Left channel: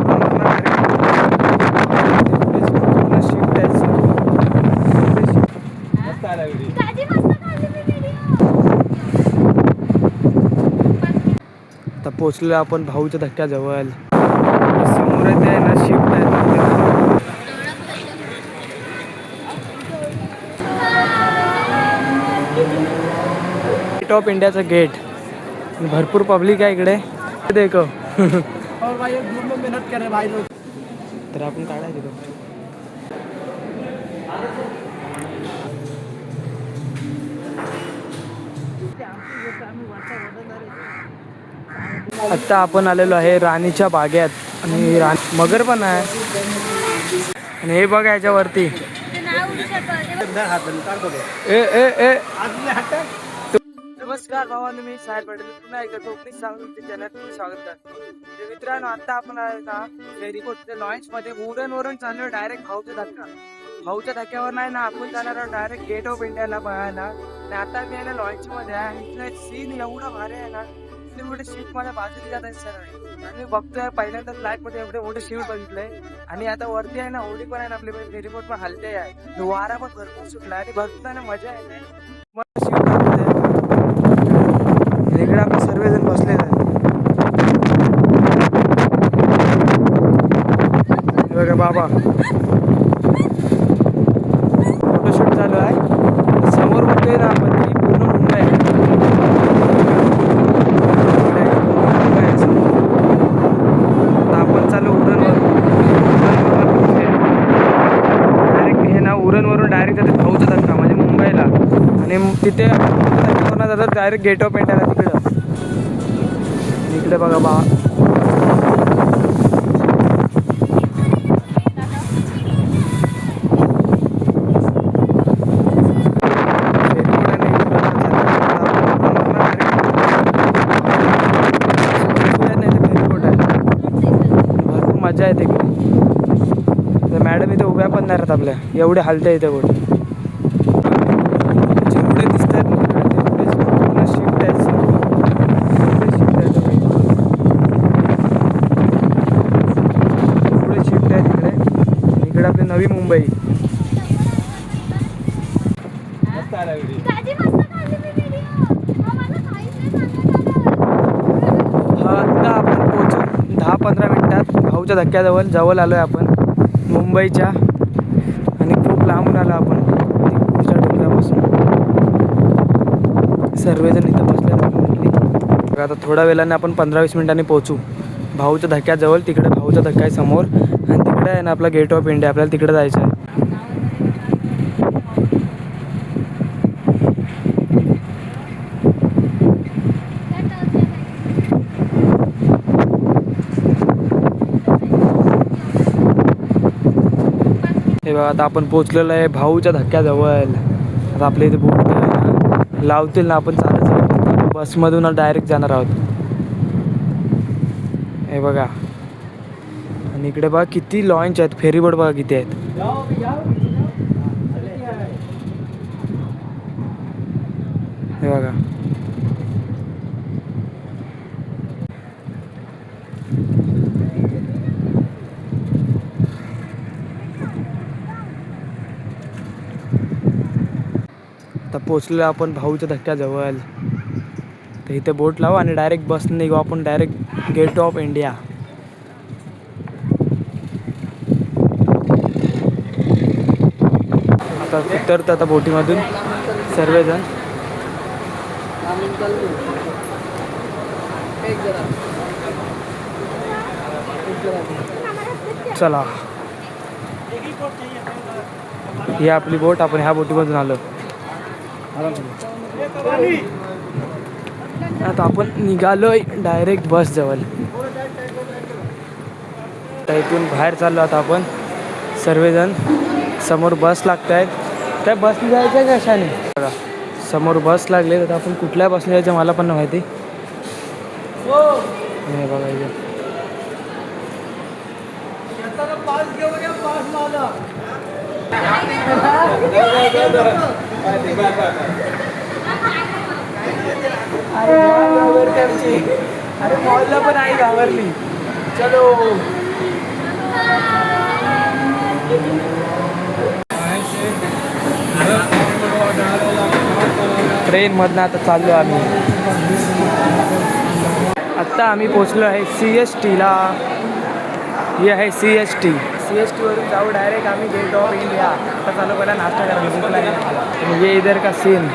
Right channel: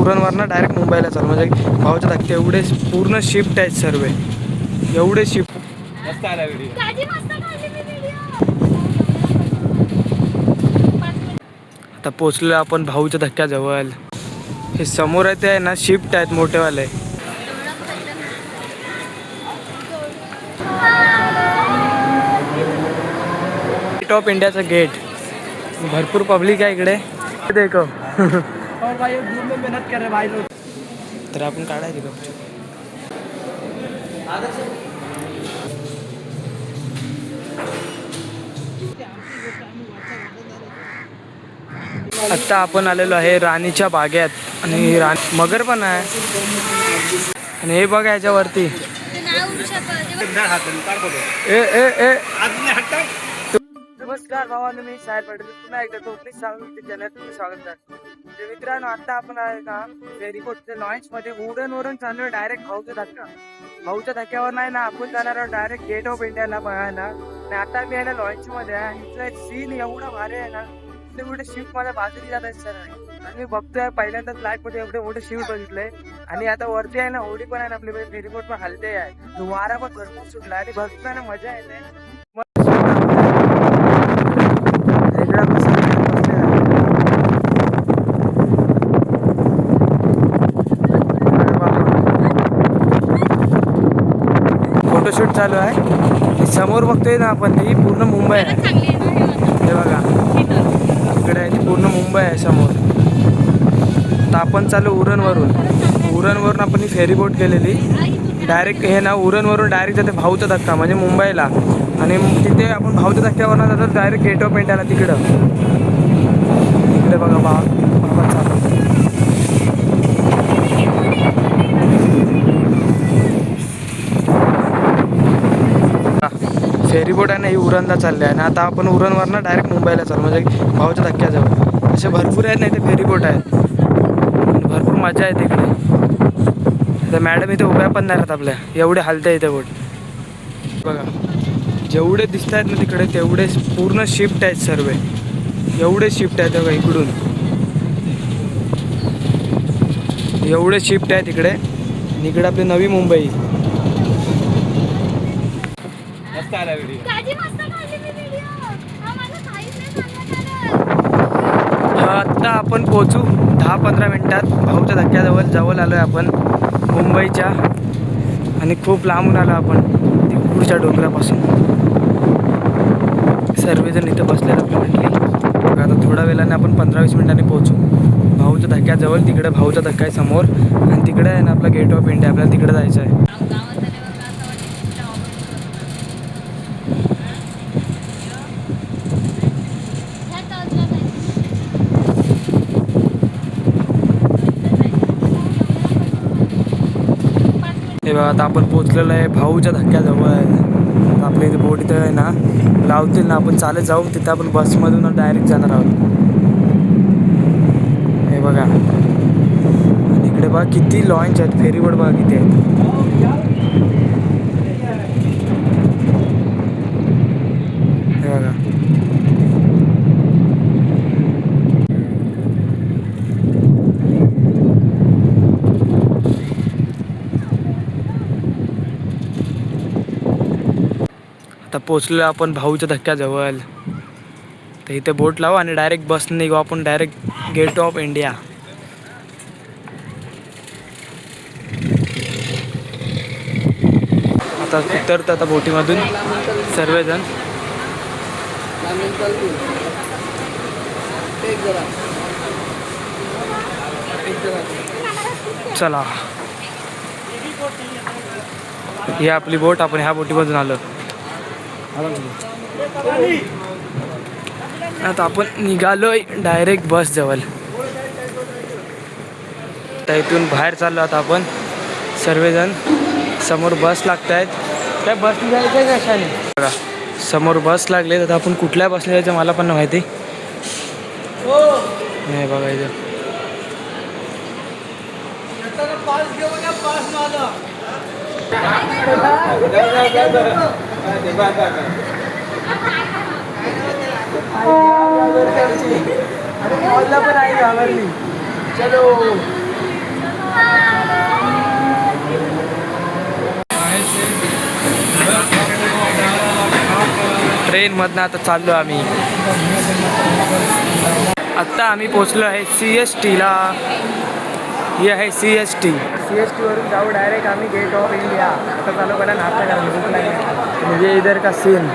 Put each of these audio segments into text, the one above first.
उरणवरनं direct मुंबईला जाऊ. म्हणजे भाऊच्या धक्के एवढे पूर्ण शिफ्ट आहेत सर्व, एवढे शिफ्ट. मस्त आला व्हिडिओ. आता पोचलो आपण भाऊच्या धक्क्याजवळ. हे समोर आहे ते आहे ना शिफ्ट आहेत मोठेवाले. गेट ऑफ इंडियाचा गेट. भरपूर पब्लिक आहे इकडे. देखो मेहनत करे भाई लोग. तर आपण काढायचे गपचूप. आत्ता आपण आलेलो आहे राणीच्या बागेत. आणि मगर पण आहे. आणि हे बघा याच्यावरती ए ए ए. नमस्कार भावांनो, मी साहेब पटेल पुन्हा एकदा कोकणी सांगून चॅनलमध्ये स्वागत करतो. मित्रांनो, आता आपण आहे ना फेरीबोट लॉन्च मध्ये उरणवरून चाललो डायरेक्ट भाऊचा धक्का. भाऊच्या धक्क्यावर नाही ना आपण जाणार आहोत डायरेक्ट गेट ऑफ इंडियाला बघायला. आणि आता मी आहे ना लॉन्च मध्ये आहे. इथला सीन एवढा भारी आहे ना, इथे मोठे शिफ्ट माझ्या बाजूला जात आहेत सर. आणि मी बघतोय पहिल्यांदा फ्लाईट मध्ये एवढे मोठे शिफ्ट बघितले. आणि आता वरती आहे ना होडी पण आहे ना आपली फेरीबोट पण हलते आहे. वारा पण भरपूर सुटला आणि बघतोय ना मजा येते. इकडे आपण सर्वजण बसलेला बघा बाबा, फोटोशूट चालू आहे. समोर बघतोय ना आपण ती पूर्ण मुंबई आहे. हे बघा इकडे पूर्ण मुंबई आहे समोर. आता आपण चालू उरणवरून आपण फेरीबोट केलेली डायरेक्ट. हे ना उरणवरून डायरेक्ट जाते भाऊचा धक्का म्हणजे मुंबईला. आणि तिथे भाऊच्या धक्क्यावरनं जातात डायरेक्ट गेट ऑफ इंडियाला. तिकडे बघा बा. फेरीबोट आहे ना ही उरणला चालली आहे ना. आता आपण उरणवरनं डायरेक्ट मुंबईला जाऊ. म्हणजे भाऊच्या धक्क्यात असे भरपूर आहेत ना इथे फेरीबोट आहेत. भरपूर मजा येते इकडे. तर मॅडम इथे उभ्या पण नाही राहत आपल्या, एवढे हलते इथे बोट. जेवढे दिसत आहेत ना तिकडे तेवढे पूर्ण शिफ्ट आहेत सर्व, एवढे शिफ्ट आहेत बघा इकडून. एवढे शिफ्ट आहेत इकडे. इकडे आपली नवी मुंबई. मस्त आला व्हिडिओ. आता आपण पोहोचू 10-15 मिनिटात भाऊच्या धक्क्याजवळ आलो आहे आपण मुंबईच्या. आणि खूप लांबून आलो आपण पुढच्या डोंगरापासून. सर्वजण इथं बसलेलं आपण म्हटली. बघा आता थोड्या वेळाने आपण 15-20 मिनिटांनी पोहोचू भाऊच्या धक्क्याजवळ. तिकडे भाऊचा धक्का आहे समोर आणि तिकडे आहे ना आपला गेट ऑफ इंडिया. आपल्याला तिकडे जायचं आहे. हे बघा आता आपण पोचलेलो आहे भाऊच्या धक्क्याजवळ. आता आपल्या इथे बोट आहे ना लावतील ना, आपण चालत जाऊ. तिथे आपण बसमधून डायरेक्ट जाणार आहोत. हे बघा आणि इकडे बघा किती लॉन्च आहेत, फेरीबोट बघा किती आहेत. हे बघा आता पोचलो आपण भाऊच्या धक्क्याजवळ. तर इथे बोट लावू आणि डायरेक्ट बसने निघू आपण डायरेक्ट गेट ऑफ इंडिया. आता उतरतो आता बोटीमधून सर्वजण. चला ही आपली बोट. आपण ह्या बोटीमधून आलो. आता आपण निघालोय डायरेक्ट बस जवळ. तर इथून बाहेर चाललो आता आपण सर्वजण. समोर बस लागत आहेत. त्या बसने जायचं कशाने बघा समोर बस लागले. तर आपण कुठल्या बसने जायचं मला पण नाही माहिती. नाही बघा इथं अरे मॉलला पण आई घाबरली. चलो ट्रेनमधनं आता चाललो आम्ही. आत्ता आम्ही पोचलो आहे CSTला. ही आहे CST. CSTवरून जाऊ डायरेक्ट आम्ही गेट ऑफ इंडिया. आता चालू पहिला नाश्ता करायला, भूक लागली. म्हणजे इधर का सीन.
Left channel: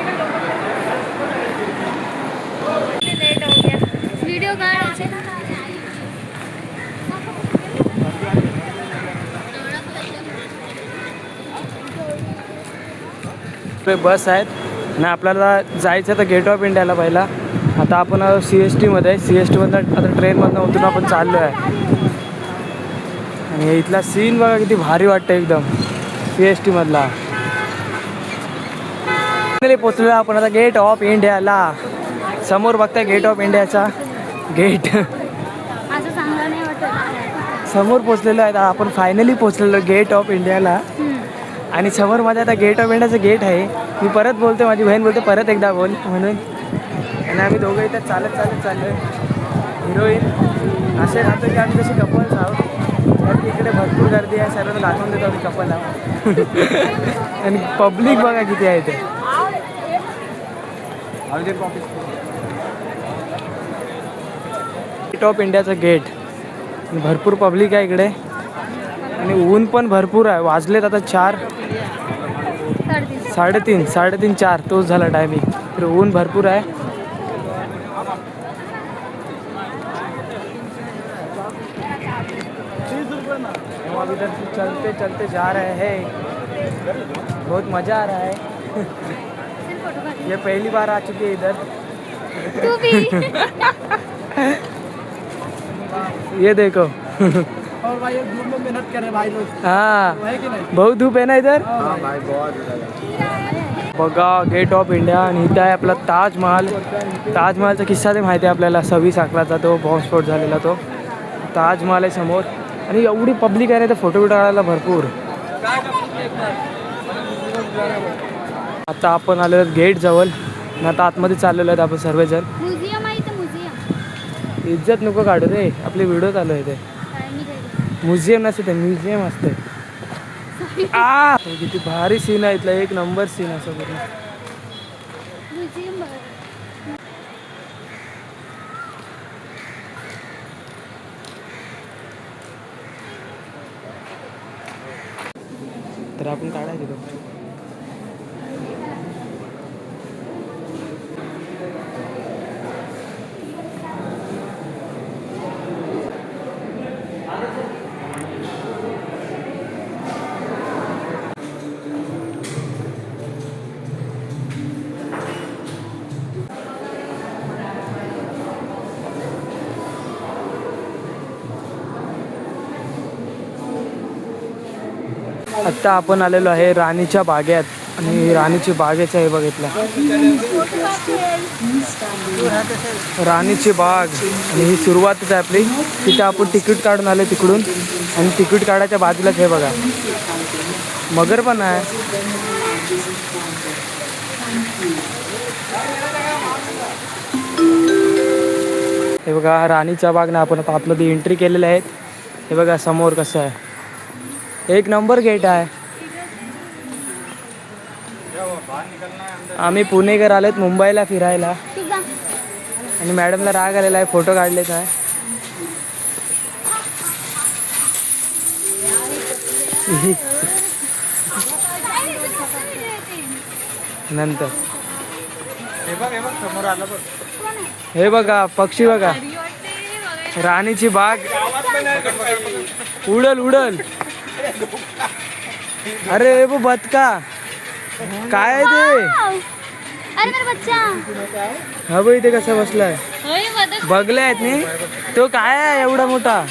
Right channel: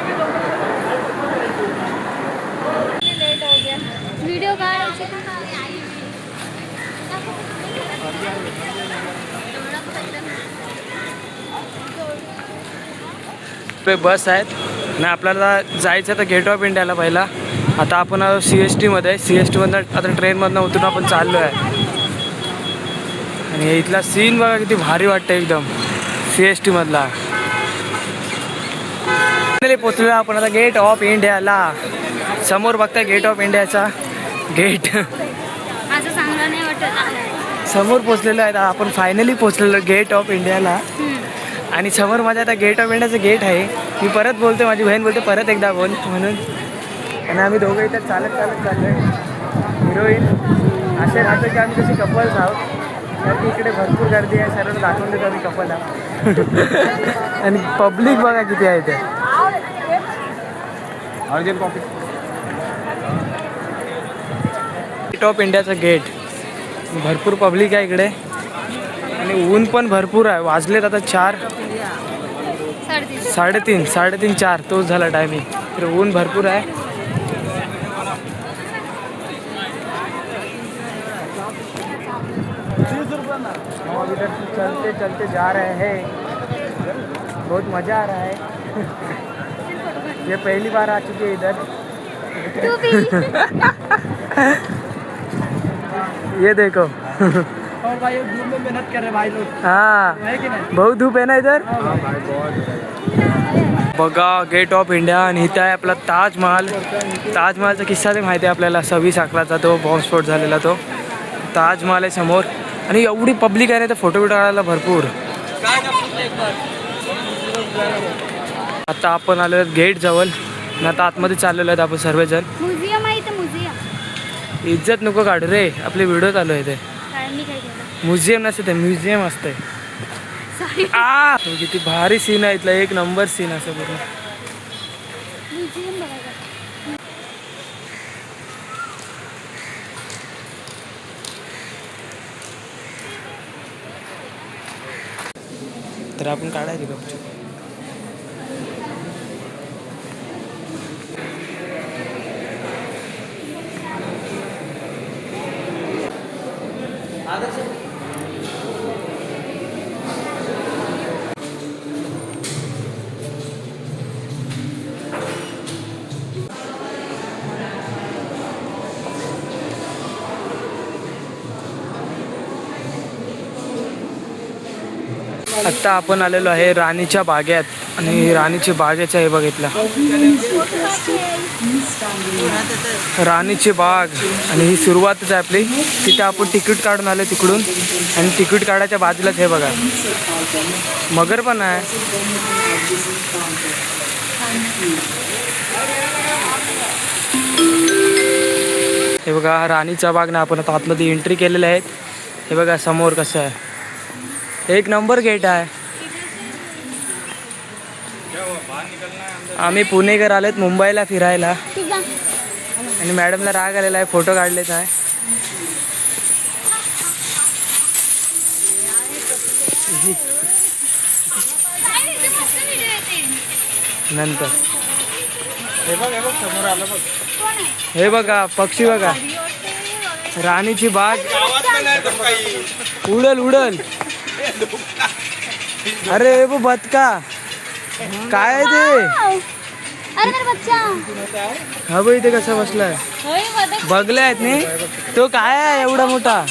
वीडियो का बस आहेत ना. आपल्याला जायचं तर गेट ऑफ इंडियाला पहिला. आता आपण CSTमध्ये CSTमधनं आता ट्रेनमधनं उतरून आपण चाललो आहे. आणि इथला सीन बघा किती भारी वाटतं एकदम CSTमधला. पोचलो आपण आता गेट ऑफ इंडियाला. समोर बघताय गेट ऑफ इंडियाचा गेट. असं चांगलं नाही वाटत. समोर पोचलेलो आहे आपण. फायनली पोचलेलो गेट ऑफ इंडियाला. आणि समोर माझ्या आता गेट ऑफ इंडियाचं गेट आहे. मी परत बोलतो, माझी बहीण बोलते परत एकदा बोल म्हणून. आणि आम्ही दोघं इथं चालत चाललो आहे. हिरोईन असे राहतो की आम्ही जसे कपल्स आहोत. कारण की इकडे भरपूर गर्दी आहे. सर्व दाखवून देतो आम्ही कपल आहोत. आणि पब्लिक बघा किती आहे ते. गेट ऑफ इंडियाचं गेट. भरपूर पब्लिक आहे इकडे. आणि ऊन पण भरपूर आहे. वाजलेत आता 4, 3:30, 3:30, 4 तोच झाला टायमिंग. तर ऊन भरपूर आहे. हम अभी इधर चलते चलते जा रहे हैं. बहुत मज़ा आ रहा है. ये पहली बार आ चुके हैं इधर. ये देखो. और भाई धूप में मेहनत कर रहे भाई लोग. हाँ बहुत धूप आहे ना इधर. बघा गेट ऑफ इंडिया. आणि इथं आहे आपला ताजमहाल. ताजमहालचा किस्सा ते माहिती आहे आपल्याला. 26/11चा तो बॉम्बस्फोट झालेला तो ताजमहाल आहे समोर. आणि एवढी पब्लिक आहे ना तर फोटो बिटो काढायला भरपूर. आता आपण आलेलो गेट जवळ. आणि आता आतमध्ये चाललेलो आहेत आपण सर्वजण. म्युझियम आहे इथं, म्युझियम. इज्जत नको काढू रे. आपले व्हिडिओ चालू आहे ते. म्युझियम नसते ते, म्युझियम असते. किती भारी सीन आहे इथला. एक नंबर सीन असं पूर्ण. तर आपण काढायचे गपचूप. आत्ता आपण आलेलो आहे राणीच्या बागेत. आणि राणीची बागेचं हे बघितलं, राणीची बाग. आणि ही सुरुवातच आहे आपली. तिथे आपण तिकीट काढून आले तिकडून. आणि तिकीट काढायच्या बाजूलाच हे बघा मगर पण आहे. हे बघा राणीचा बाग ना. आपण आता आतमध्ये एंट्री केलेले आहेत. हे बघा समोर कसं आहे. एक नंबर गेट आहे. आम्ही पुणेकर आलेत मुंबईला फिरायला. आणि मॅडमला राग आलेला आहे, फोटो काढलेच आहे. नंतर हे बघा पक्षी बघा. राणीची बाग. उडल उडल. अरे वो बदका काय आहे ते. हा भाई ते कसा बसलाय. बघले आहेत नाही तो. काय आहे एवढा मोठा.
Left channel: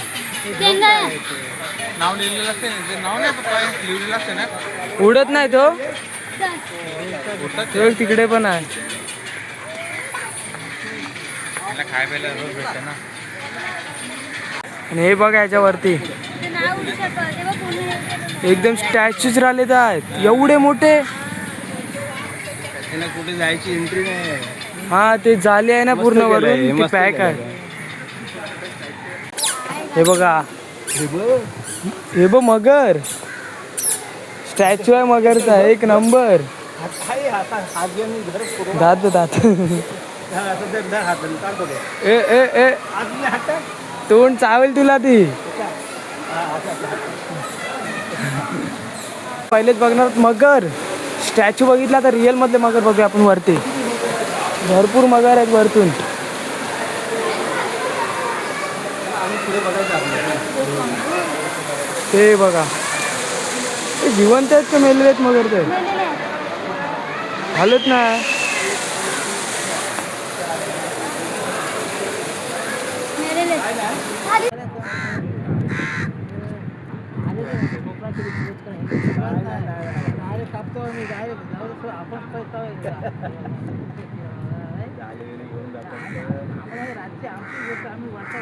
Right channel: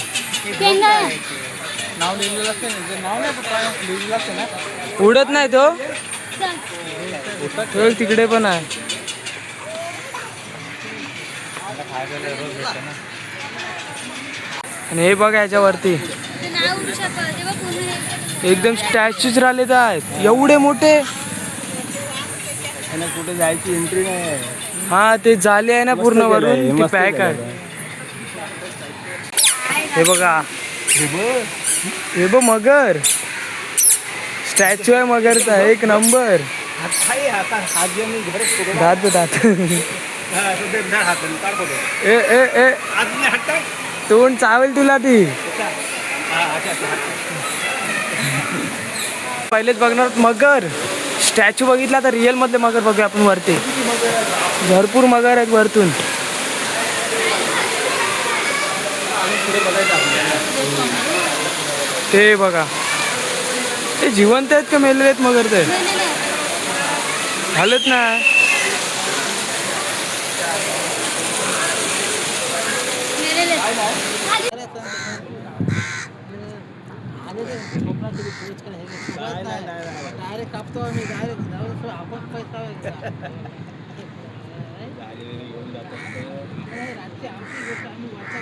उडत नाही तो. तो तिकडे पण आहे. आणि हे बघा याच्यावरती एकदम स्टॅच्यूज राहिलेत आहेत एवढे मोठे. कुठे जायची एंट्री नाही. हा ते जाली आहे ना पूर्ण वरून ती पॅक आहे. हे बघा हे बघ मगर. स्टॅच्यू आहे मगरचा एक नंबर. दात दात ए ए ए तोंड चावेल तुला ती. पहिलेच बघणार आहोत मगर. स्टॅच्यू बघितला तर रिअल मधले मगर बघूया आपण वरती. भरपूर मगर आहेत वरतून. ते बघा ते जिवंत आहेत का मेलेले आहेत मगर? ते हालत ना. डायरेक्ट कापतो आम्ही डायरेक्ट आपण पैसा रातची आमची गोष्ट आम्ही वाचा